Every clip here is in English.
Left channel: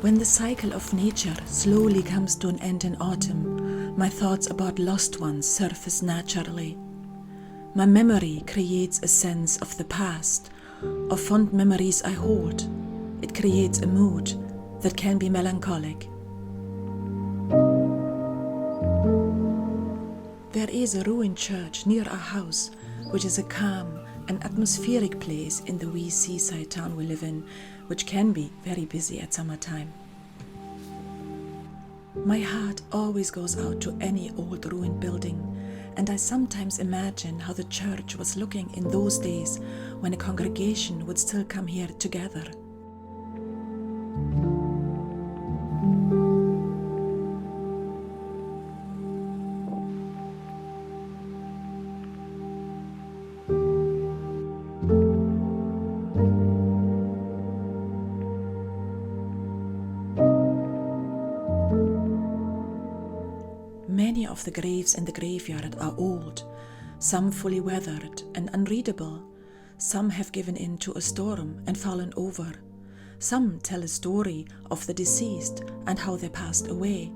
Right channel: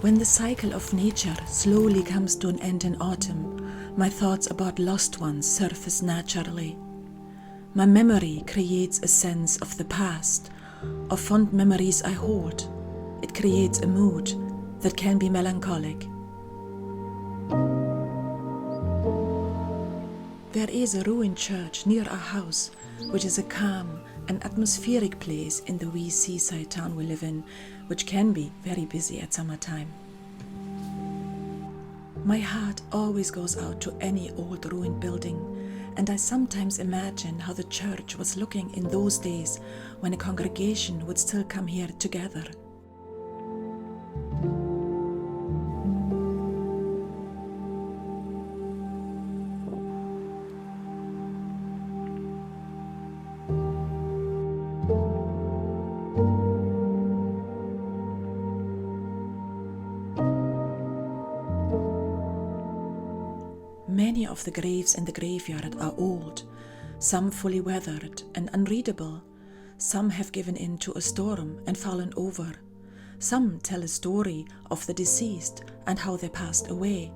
When the cycle of nature slowly comes to an end in autumn, my thoughts about lost ones surface naturally. My memory creates a sense of the past, of fond memories I hold. It creates a mood that can be melancholic. There is a ruined church near our house, which is a calm and atmospheric place in the wee seaside town we live in, which can be very busy at summertime. My heart always goes out to any old ruined building, and I sometimes imagine how the church was looking in those days when a congregation would still come here together. Many of the graves in the graveyard are old, some fully weathered and unreadable. Some have given in to a storm and fallen over. Some tell a story of the deceased and how they passed away.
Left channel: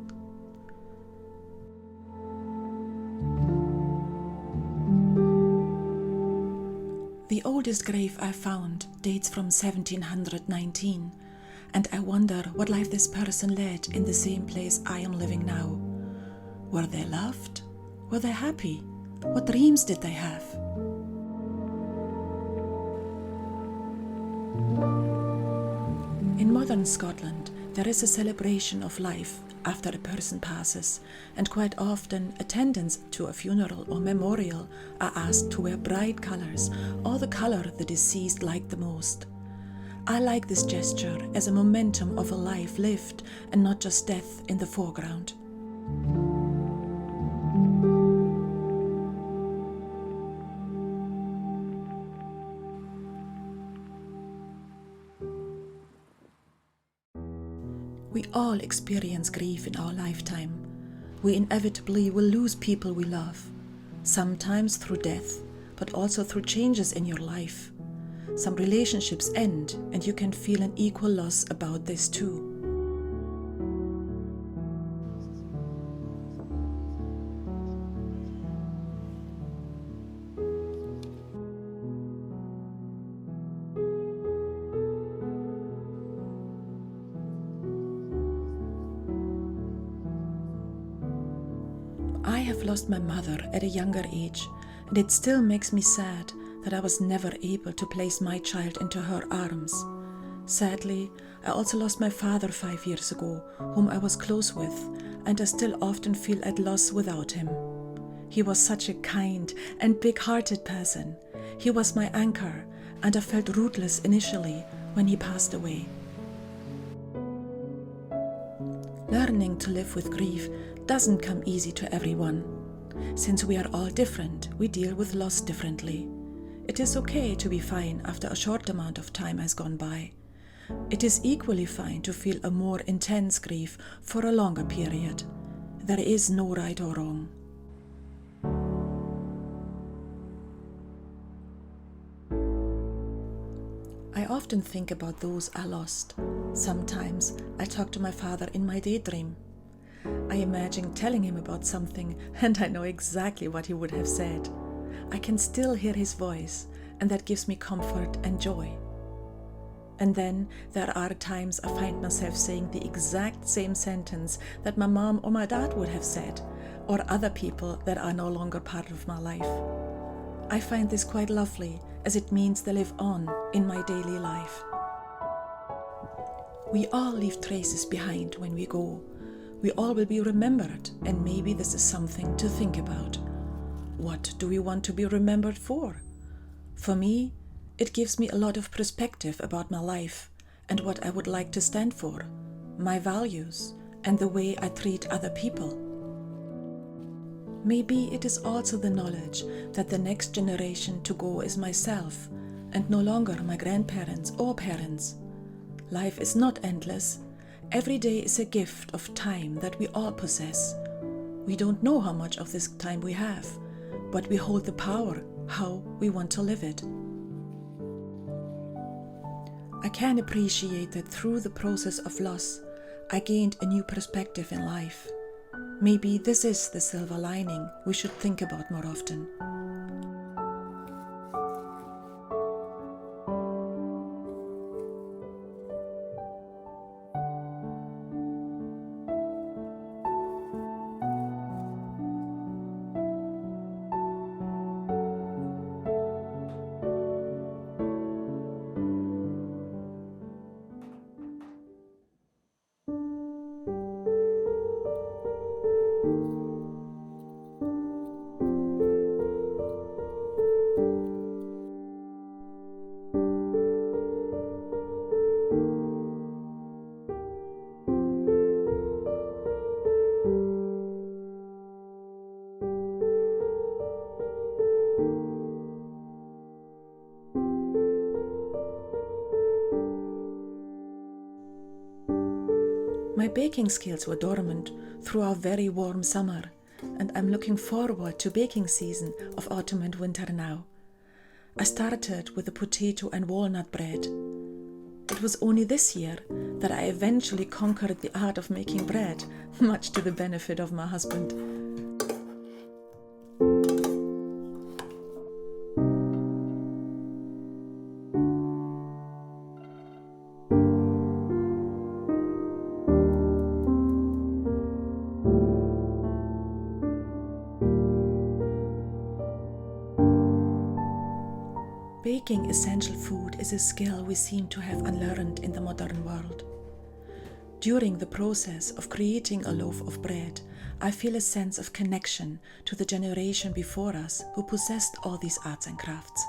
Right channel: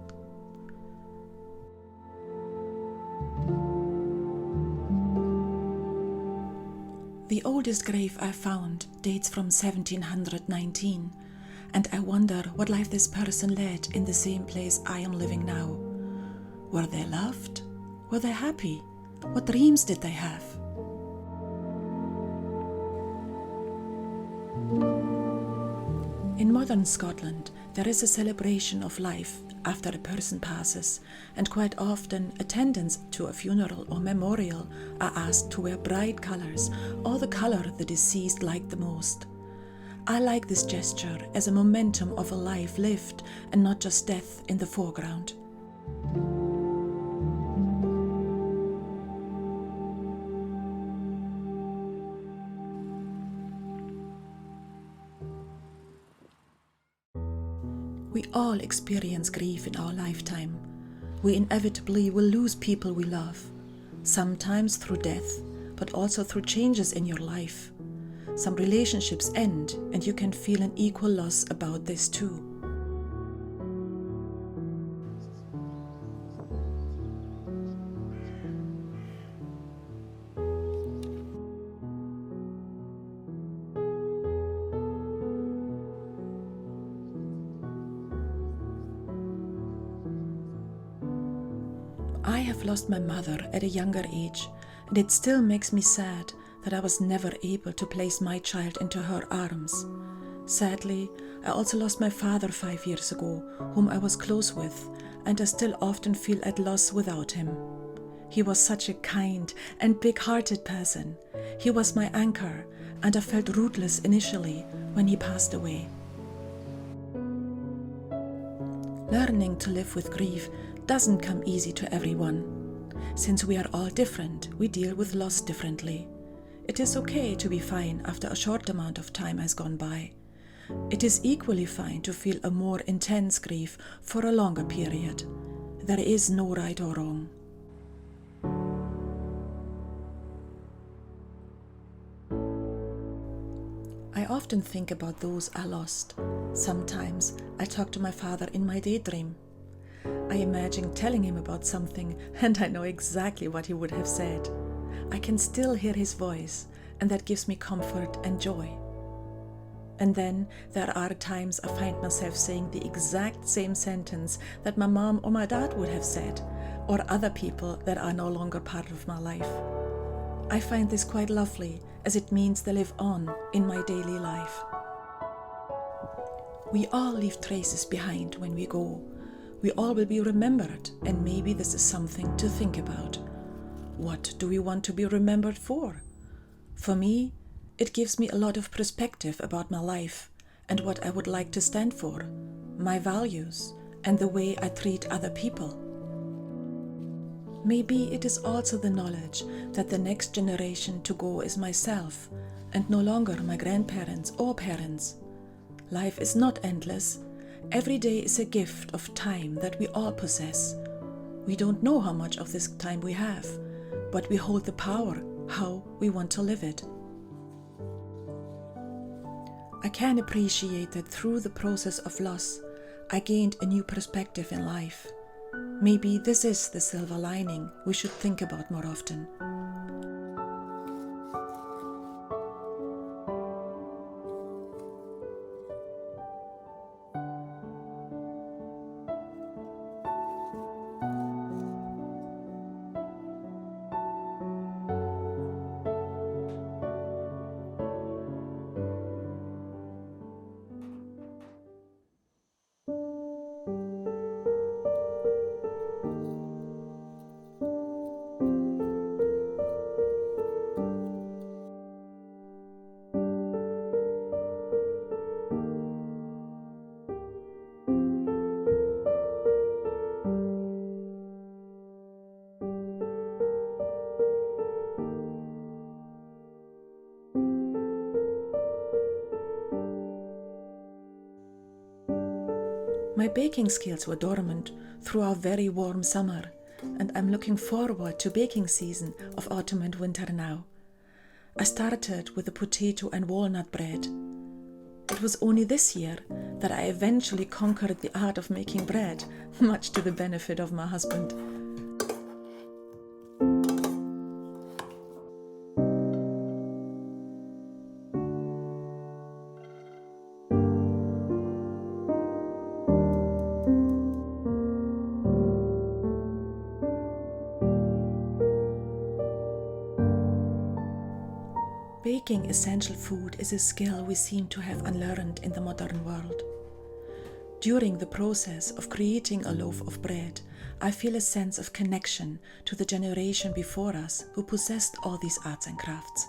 The oldest grave I found dates from 1719, and I wonder what life this person led in the same place I am living now. Were they loved? Were they happy? What dreams did they have? In modern Scotland, there is a celebration of life after a person passes, and quite often attendants to a funeral or memorial are asked to wear bright colours or the colour the deceased liked the most. I like this gesture as a momentum of a life lived and not just death in the foreground. We all experience grief in our lifetime. We inevitably will lose people we love, sometimes through death, but also through changes in your life. Some relationships end, and you can feel an equal loss about this too. I have lost my mother at a younger age, and it still makes me sad that I was never able to place my child into her arms. Sadly, I also lost my father 5 years ago, whom I was close with, and I still often feel at loss without him. He was such a kind and big-hearted person. He was my anchor, and I felt rootless initially when he passed away. Learning to live with grief doesn't come easy to everyone. Since we are all different, we deal with loss differently. It is okay to be fine after a short amount of time has gone by. It is equally fine to feel a more intense grief for a longer period. There is no right or wrong. I often think about those I lost. Sometimes I talk to my father in my daydream. I imagine telling him about something, and I know exactly what he would have said. I can still hear his voice, and that gives me comfort and joy. And then there are times I find myself saying the exact same sentence that my mom or my dad would have said, or other people that are no longer part of my life. I find this quite lovely, as it means they live on in my daily life. We all leave traces behind when we go. We all will be remembered, and maybe this is something to think about. What do we want to be remembered for? For me, it gives me a lot of perspective about my life and what I would like to stand for, my values, and the way I treat other people. Maybe it is also the knowledge that the next generation to go is myself, and no longer my grandparents or parents. Life is not endless. Every day is a gift of time that we all possess. We don't know how much of this time we have, but we hold the power how we want to live it. I can appreciate that through the process of loss, I gained a new perspective in life. Maybe this is the silver lining we should think about more often. My baking skills were dormant through our very warm summer, and I'm looking forward to baking season of autumn and winter now. I started with the potato and walnut bread. It was only this year that I eventually conquered the art of making bread, much to the benefit of my husband. Baking essential food is a skill we seem to have unlearned in the modern world. During the process of creating a loaf of bread, I feel a sense of connection to the generation before us who possessed all these arts and crafts.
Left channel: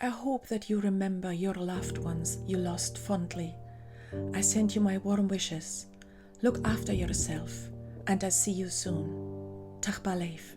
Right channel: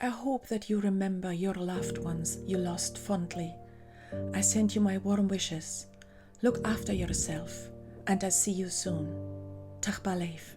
I hope that you remember your loved ones you lost fondly. I send you my warm wishes. Look after yourself, and I see you soon. Dag baleef.